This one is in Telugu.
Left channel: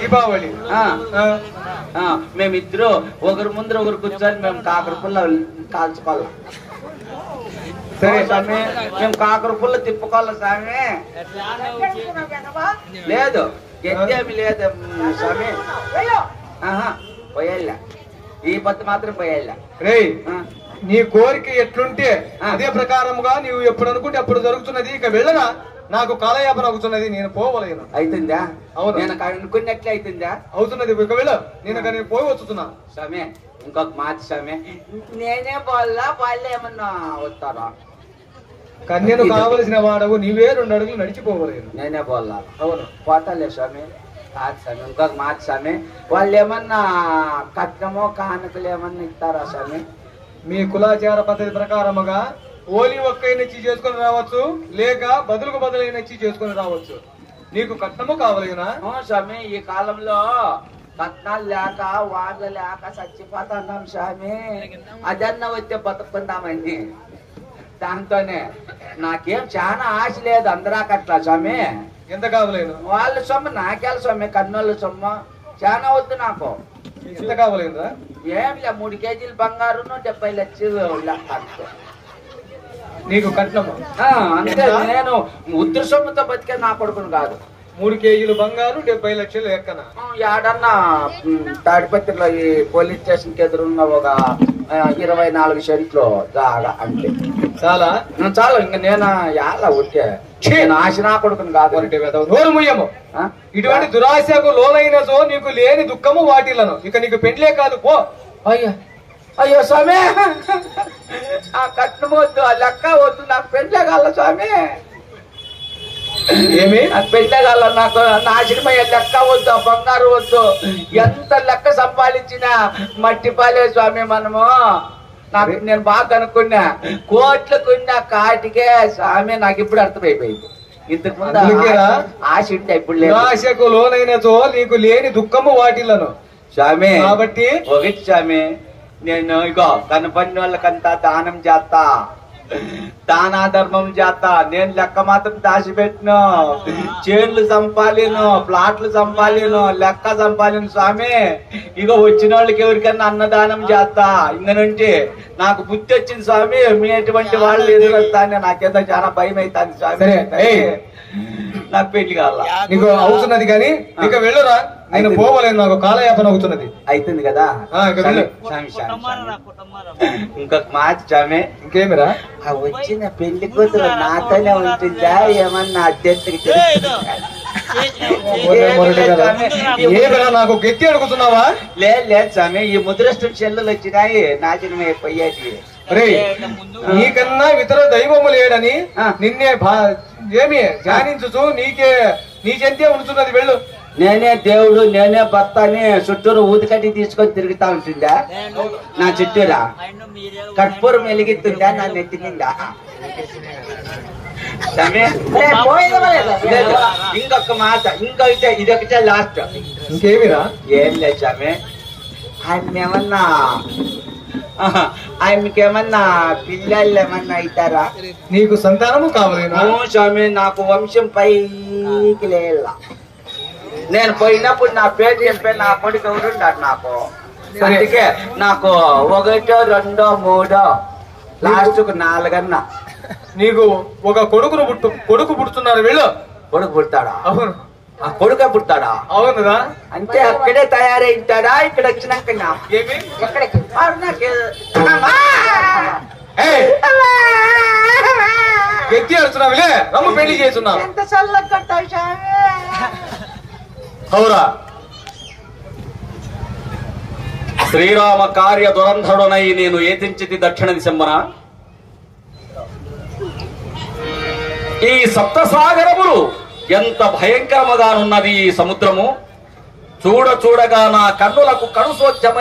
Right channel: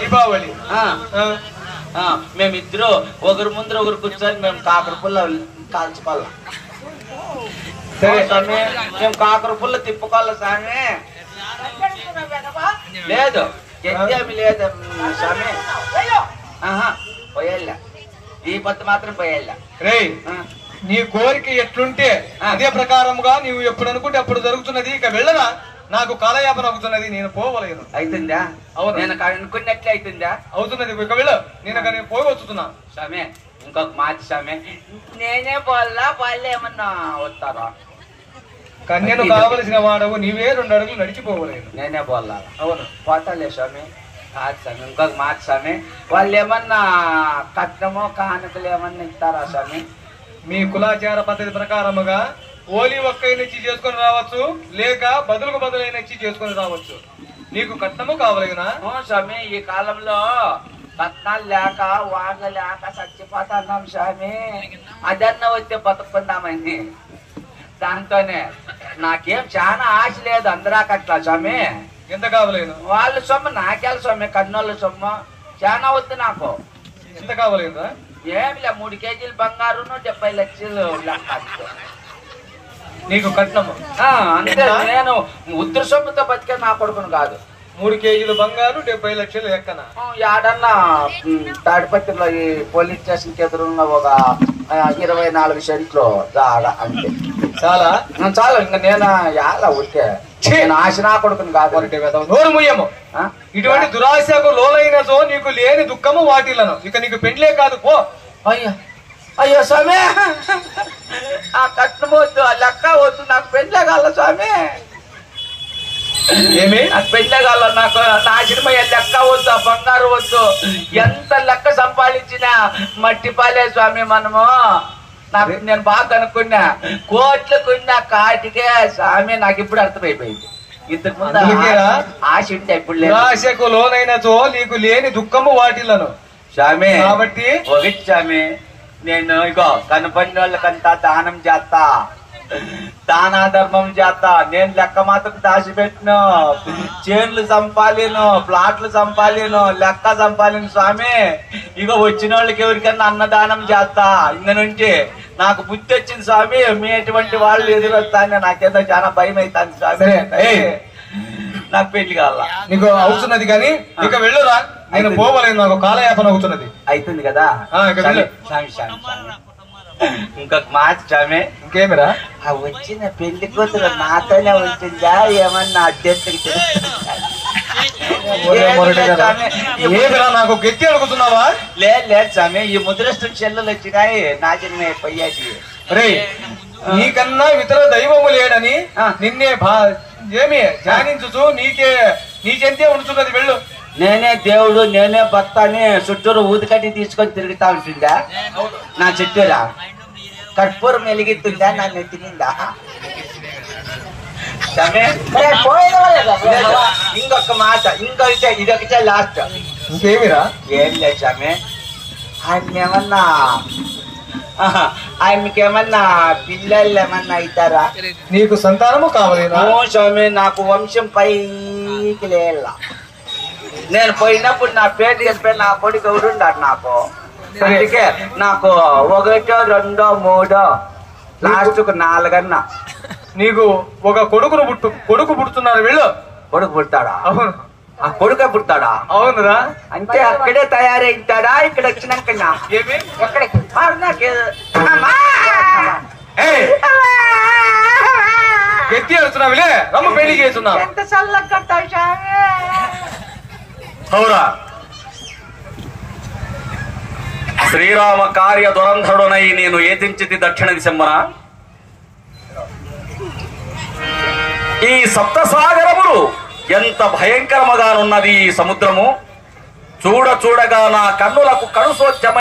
దీపావళి మేమిద్దరు ఒకరు ముందర ఒకరు కూర్చొని మేము కాకర పుల్ల కాల్చుకోవాల. సరే స్వామి, మేము కాకర పుల్ల తిప్పుకోవాల స్వామి. లేదు ఎత్తేమి లేదు స్వామి. పోయేళ్ళ ఈ పత్తు మాత్రం పోయేళ్ళ. రే, నీ కోరిక ఎట్లుంటే అదే ప్రకారముగా నీవు ఎప్పుడు అనుకుంటే అప్పుడు జరుగుతున్నది. ఇక వెళ్ళనా, నాకు కాలయాపన అవుతున్నది, నేను పోవలేను. అవుతుందా? అవును, నేను అనుకున్నట్లే అవుతుందా? అవుతున్నది. ఇక వెళ్ళు, నేను పోయి వచ్చుతున్నా. స్వామి ఇంకొక మాట స్వామి, నేనే పోవాలా వాళ్ళు ఏమన్నా వస్తారా? కన్యను కావలసిన వాడవు, నీవే 2 అడుగులు నడిచిపోవలేను. నేనే పోవాలా? అవును, పోతాలే స్వామి. కాదు స్వామి, ఇంకొక మాట స్వామి, వాళ్ళు ఏమన్నా కట్నమో కానుకలు ఏమన్నా ఇస్తారా స్వామి? మీ కులాచార పద్ధతి ప్రకారముగా ఓలి ఒక్కైన ఇచ్చి చేసుకుని రావచ్చు, లేక బదులైన ఇచ్చి చేసుకుని రావచ్చు. నీకు కట్నము కావలేనా? స్వామి, ఈ కాలంలో కట్నాలు లేక వాడలు లేక చచ్చిపోతున్నాం స్వామి. అదన్నా వస్తే బతుకుందామని, దాంతోనే నాకేం చాలా ఆశ లేదు. అందరా కట్ల స్వామి. ఎంత కావలేను? వాళ్ళ సొమ్ము నాకేళ స్వామి, కన్నోళ్ళ సొమ్ము చాలా వద్దు నాకు. ఎంత కావలేదా? ఏమిలే 3 కేజీలు బంగారు 70 లక్షలు లెక్క. నీకు కట్నము అంటే నేను ఉత్తర సొమ్ముతో బతికే నా కొడుకును కాదు. 3 కేజీలు బంగారు 70 లక్షలు ఎక్కన. ఏడన్నా తాడిపత్రిలో ఈ పోలీస్ స్టేషన్ కి ఎదురున్న ఒక 24 సెంట్లు జాగా అంతే. చాలా చాలా. ఇంకా నేను ఎలా ఉట్టే ఆశ నా కొడుకును కాదు. నోరు ముయ్యము. ఇటువంటి దురాశకు లోలైనతో నీకు లేని దుఃఖము వాటిలను. ఇక నీకు పెండ్లే కాదు, పో. అయ్యో అయ్యో స్వామి, ఆ కట్నం వద్దు, ఆ లెక్క వద్దు, నాకు పెళ్ళే కాల స్వామి. ఏమి నాకు పెళ్ళే కాల, నాకు నాశనమయ్యే లెక్క వద్దు, ఆ బంగారు వద్దు. ఎంత లెక్క సంపాదించినా మట్టి పాలే స్వామి మనము. నాకు నేను బాగా అనుకున్నా, కోట్లకున్నా కాటికే స్వామి. నాకు ఇప్పుడు అర్థమైపోయింది. ఇంతకు ముందు ఆశ ఉంటే ఇప్పుడు లేదు. దురాశకు లోనైనతో నీకు లేని దుఃఖము వాటిలను స్వామి. కాబట్టి ఒకటి స్వామి, నేను ఇగో కనపడిన వాళ్ళకంతా దానం చేస్తా, దానా ధర్మం చేస్తా. నేను లెక్క మాత్రం దాచిపెట్టిను. చేన్లు సంపాలేను, ప్లాట్లు సంపాలేను, లెక్క సంపాలేను స్వామి. ఇగో వచ్చిన వాళ్ళకి ఎవరికన్నా అన్నదానం చేస్తా. ఇంక నుండి నాకు బుద్ధి వచ్చింది స్వామి. మీ ఎటువంటి వాళ్ళు ఎదురొస్తానే నాకేదో చాలా భయం అవుతుంది స్వామి. నాకు పెళ్లి కావాల. నీకు అవుతున్నది కానీ ఇక వెళ్ళురా, నేను పోవలేను, నాకు కాలయాపన అవుతున్నది. అవుతుంది కదా స్వామి. ఇంకొక మాట స్వామి. ఇంకేమిరా? ఆ వచ్చిన పెళ్లి కూతురు నాతోనే ఉంటుందా ఏమన్నా అధ్యక్షుడికి? ఏమిరా, నాకు గట్టి అడుగుతున్నావా? లేదు స్వామి, ఈ ముద్రష్టం చెల్లెలు వచ్చినాయి నాశనమే పోయాకి. రే, నీకన్నా ఇతర దైవము లేడని నిన్నే ఏమి ధ్యానించు. నీకెంతే ఉంచున్నది, వెళ్ళు. నేనే దేవుడు, నేనే భర్త అని చుట్టూరు ఊదికట్టి తీసుకొని తిరుగుతా ఉంటుందా నా చుట్టూరా? కర్పూరం వెలిగిస్తుందా నా నెత్తి మీద? ఇంకొక మాట, ఇదొకటే లాస్ట్. ఇంకేమిరా? ఏం లేదు స్వామి, ఆయనకేమన్నా పిల్లలు ఏమన్నా అవుతారా? నీకు సంతానము కావాలేనా? స్వామి, నాకు వంశం పైకి లేల. నేను పోయినప్పుడు నా పేరు చెప్పి నా కొడుకు ఎవరుండారు నాకు. అందుకే నాకు 1, 2, 3 లాస్ట్ 4 అన్నా. నీకు ఒక కొడుకు పుడుతున్నారు, వెళ్ళు. కొడుకు పుడతాడా? అవును. ఆ కొడుకే పుడతాడా? అవునురా. అంటే అక్కడే తయారైతాడా? ఇక్కడ వచ్చినాక ఏమి ఎక్కడికి గట్టి అడుగుతున్నావులే, రమ్మ పెళ్లికి వేస్తున్నా. ఎంత చల్లగా అవురా, శ్రీరామ కార్య దురంధరుడనై నేను ఏదించితి దక్షిణ దిశమ్మన. ఈ సప్తసాగరములు ఎంత భయంకరముగానున్నది ఈ సముద్రము. చూడగా నా కన్నులకు కనుసోద్యమ